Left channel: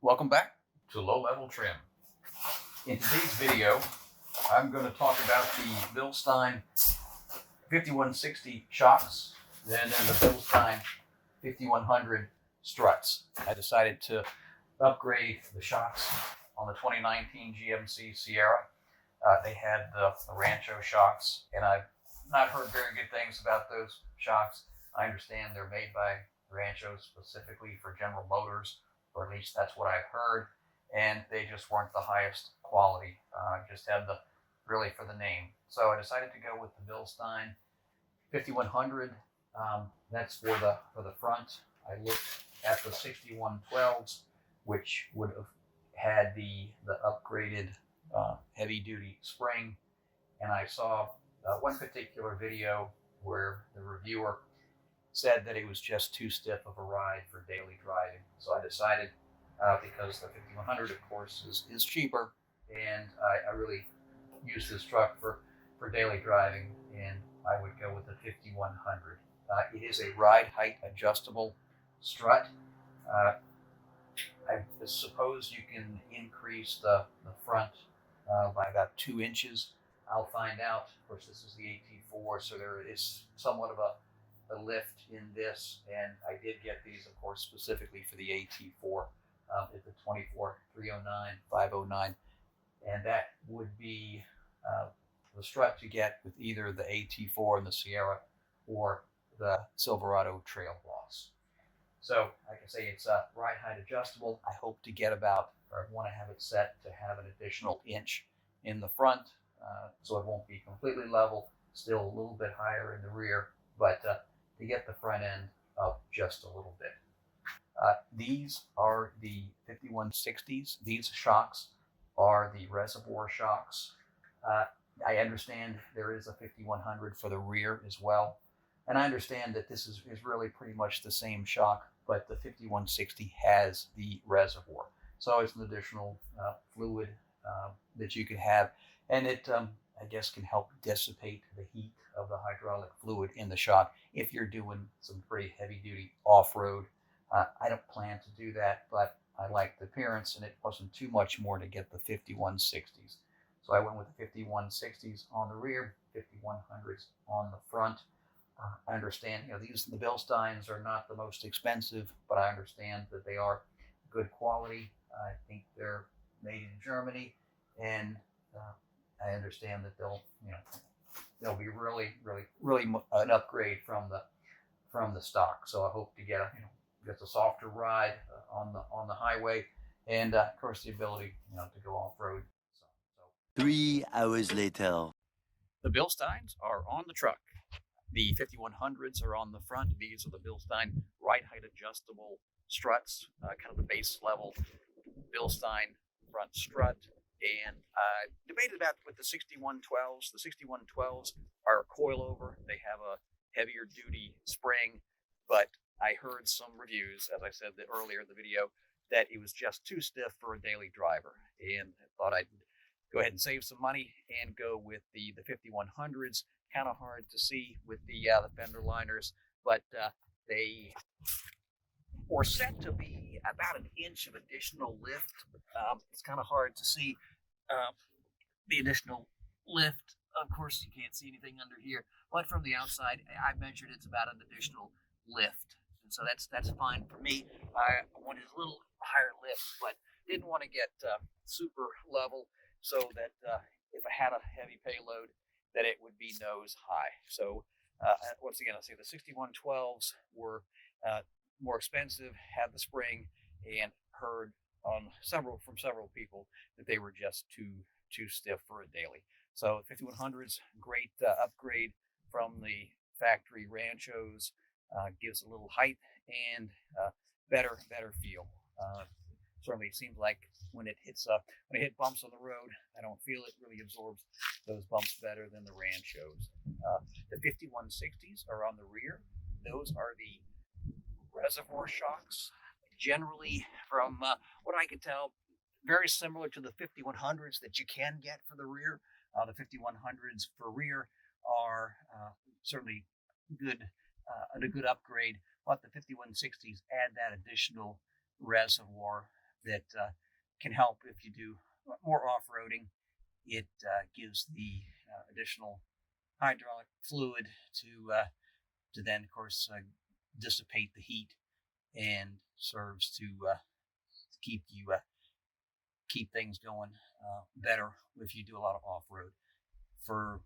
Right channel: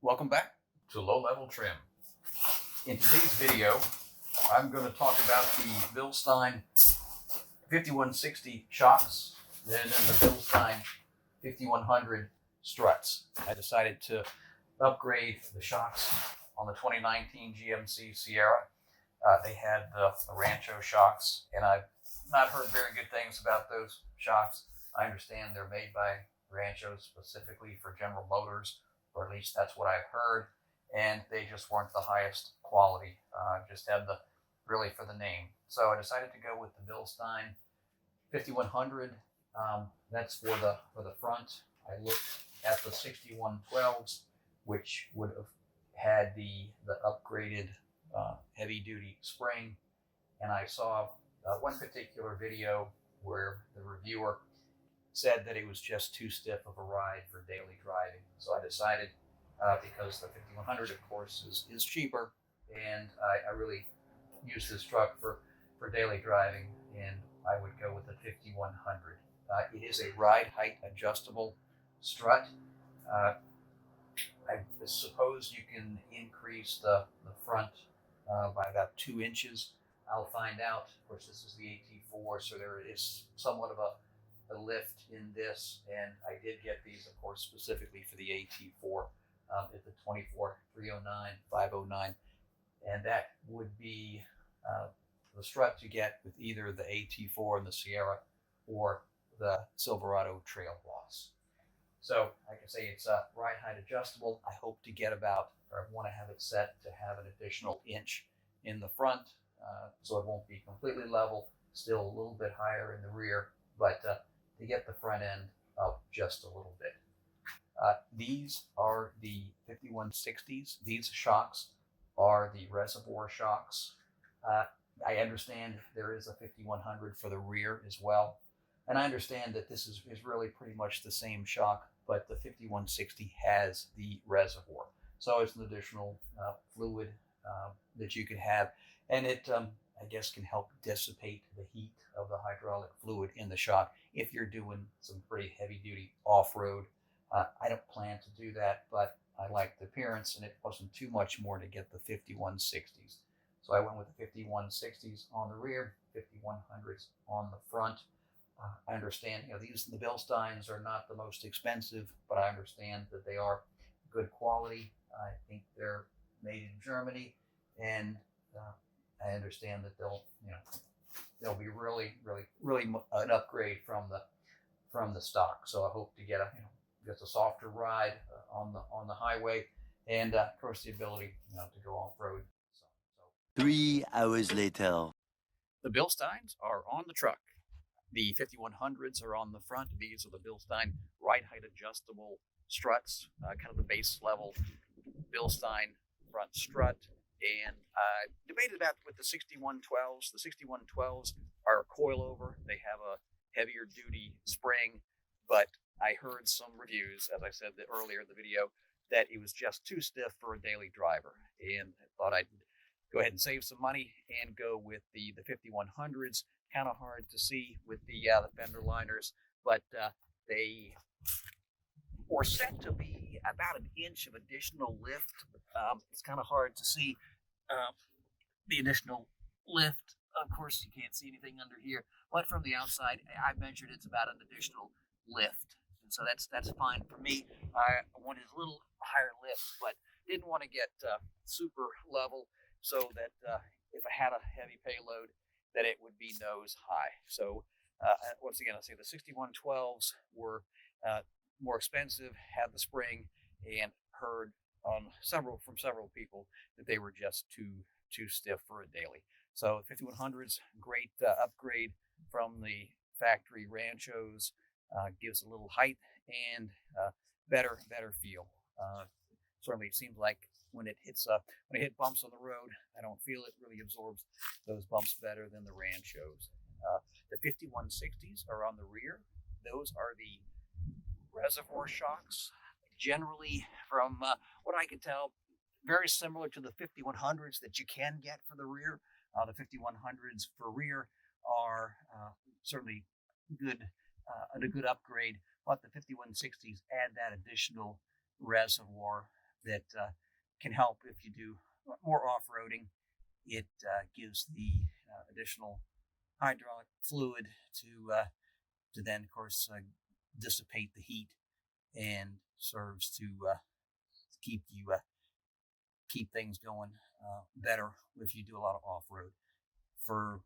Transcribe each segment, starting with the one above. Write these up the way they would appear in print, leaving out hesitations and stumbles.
Welcome back to Low Level Trim. In today's video, I'm going to talk about the Bilstein 5160 shocks and then the Bilstein 5100 struts. I decided to upgrade the shocks on the 2019 GMC Sierra. They had the Rancho shocks, and I've not heard very good things about those shocks. I understand they're made by Rancho specifically for General Motors, or at least that's what I've heard, and they just weren't the highest quality. Just had the really for the name. So I decided to go with the Bilstein 5100. That's for the front. I looked at the 6112s, which would have had the upgraded heavy duty spring, and I saw one particular video where the reviewer said that it was just too stiff of a ride for daily driving. So I decided, because the 5100, of course, is cheaper, and I really use this truck for daily driving, and I would go with the 5100. It is a ride height adjustable strut. I suppose you can increase the front by about 2 inches. I'll find out. Of course, this is the AT4, so there is somewhat of a lift in this, and I did get these, of course, specifically for the AT4 at the 24,309, 509, and that would be the strut you get with either the AT4 and the Sierra or the Silverado Trail Boss. So, like I say, it's ride height adjustable. I hope to get about, or I want to have it set to have an additional inch in the front, so it won't be completely level, still a little bit higher in the rear, but to get the front end up just a little bit. These are the 5160s. These shocks are the reservoir shocks. I understand there is a 5100 for the rear as well. And I understand that this is really pretty much the same shock, but the 5160 has the reservoir. So it's an additional fluid that you can have. And it, I guess, can help dissipate the heat of the hydraulic fluid in the shock if you're doing some pretty heavy duty off-road. I don't plan to do that, but I like the appearance, and it wasn't too much more to get the 5160s. So I went with the 5160s on the rear, 5100s on the front. I understand, the Bilsteins are not the most expensive, but I understand that they are good quality. I think they're made in Germany, and I understand that they'll be really an upgrade from the stock. So I hope to get a softer ride on the highway, and of course the ability to go off road. So 3 hours later, the Bilsteins are on the truck. The 5100s are on the front. These are the Bilstein ride height adjustable struts, kind of the base level Bilstein front strut. And debated about with the 6112s. The 6112s are coilover. They have a heavier duty spring, but I heard some reviews, as I said earlier in the video, that it was just too stiff for a daily driver, and I thought I'd go ahead and save some money and go with the 5100s. Kind of hard to see with the fender liners, but they were set to be about an inch of additional lift. It's kind of hard to see the additional lift. Of course, you can't see anything under here, but from the outside, I measured it's about an additional lift, and so that's fine for me. I wanted a little higher lift, but didn't want to get super level, so that if I had a heavy payload, that it would be nose high. So once again, I'll say the 6112s were more expensive, had the spring, and heard from several people that they were just too stiff for a daily. So 5100s, great upgrade from the factory Ranchos. Gives a little height and better feel. Certainly, it seems like when it hit bumps on the road, I don't feel it. Really absorbs those bumps better than the Ranchos. The 5160s are on the rear. Those are the reservoir shocks. Generally, from what I can tell, very similar to the 5100s that you can get for the rear. The 5100s for rear are certainly good, a good upgrade, but the 5160s add that additional reservoir that can help if you do more off-roading. It gives the additional hydraulic fluid to then, of course, dissipate the heat, and serves to keep things going better if you do a lot of off-road. For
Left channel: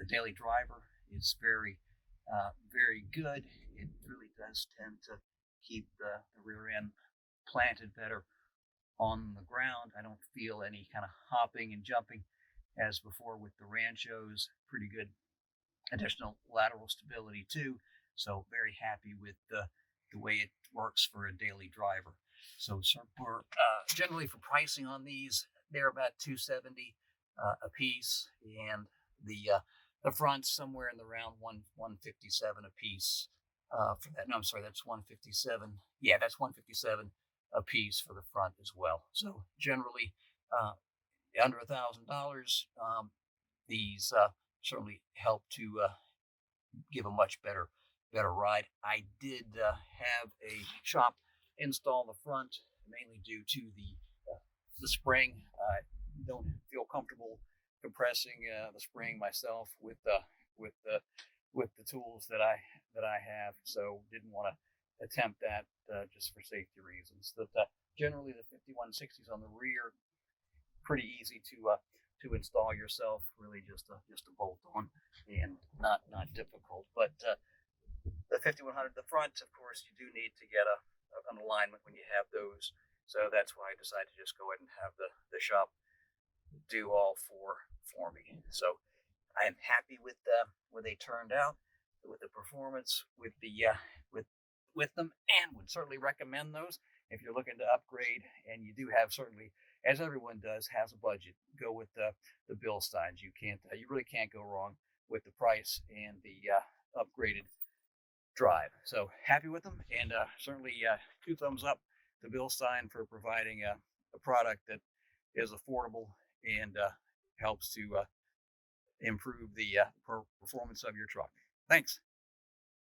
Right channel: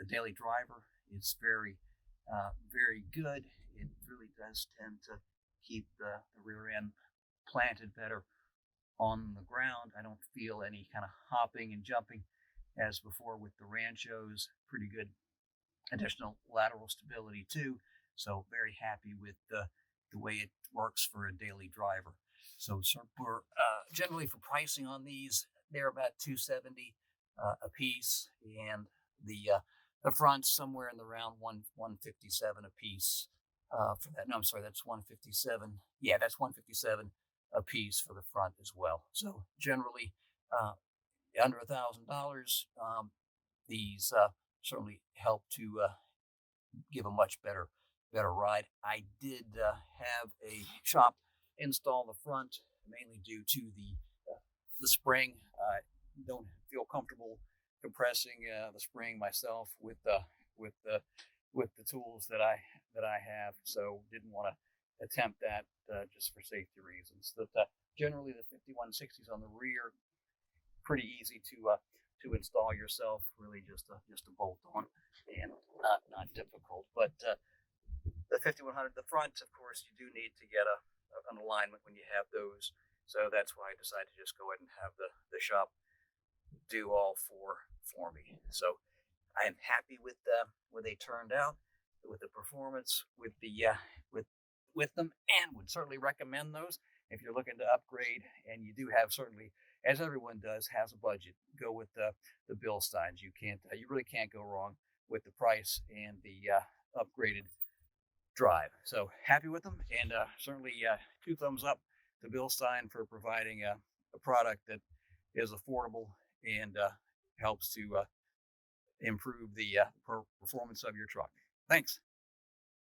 a daily driver, it's very good. It really does tend to keep the rear end planted better on the ground. I don't feel any kind of hopping and jumping as before with the Ranchos. Pretty good additional lateral stability too. So very happy with the way it works for a daily driver. So for generally for pricing on these, they're about $270 a piece, and the front's somewhere in the round 157 a piece for that. No, I'm sorry, that's 157. Yeah, that's 157 a piece for the front as well. So generally under $1,000. These certainly help to give a much better ride. I did have a shop install the front, mainly due to the spring. I don't feel comfortable compressing the spring myself with the tools that I have, so didn't want to attempt that just for safety reasons. But generally, the 5160s on the rear, pretty easy to install yourself. Really, just a bolt on, and not difficult. But the 5100, the front, of course, you do need to get an alignment when you have those. So that's why I decided to just go ahead and have the shop do all for me. So I am happy with where they turned out, with the performance, with the with them, and would certainly recommend those if you're looking to upgrade. And you do have, certainly, as everyone does, has a budget. Go with the Bilsteins. You really can't go wrong with the price and the upgraded drive. So happy with them, and certainly 2 thumbs up to Bilstein for providing a product that is affordable and helps to improve the performance of your truck. Thanks.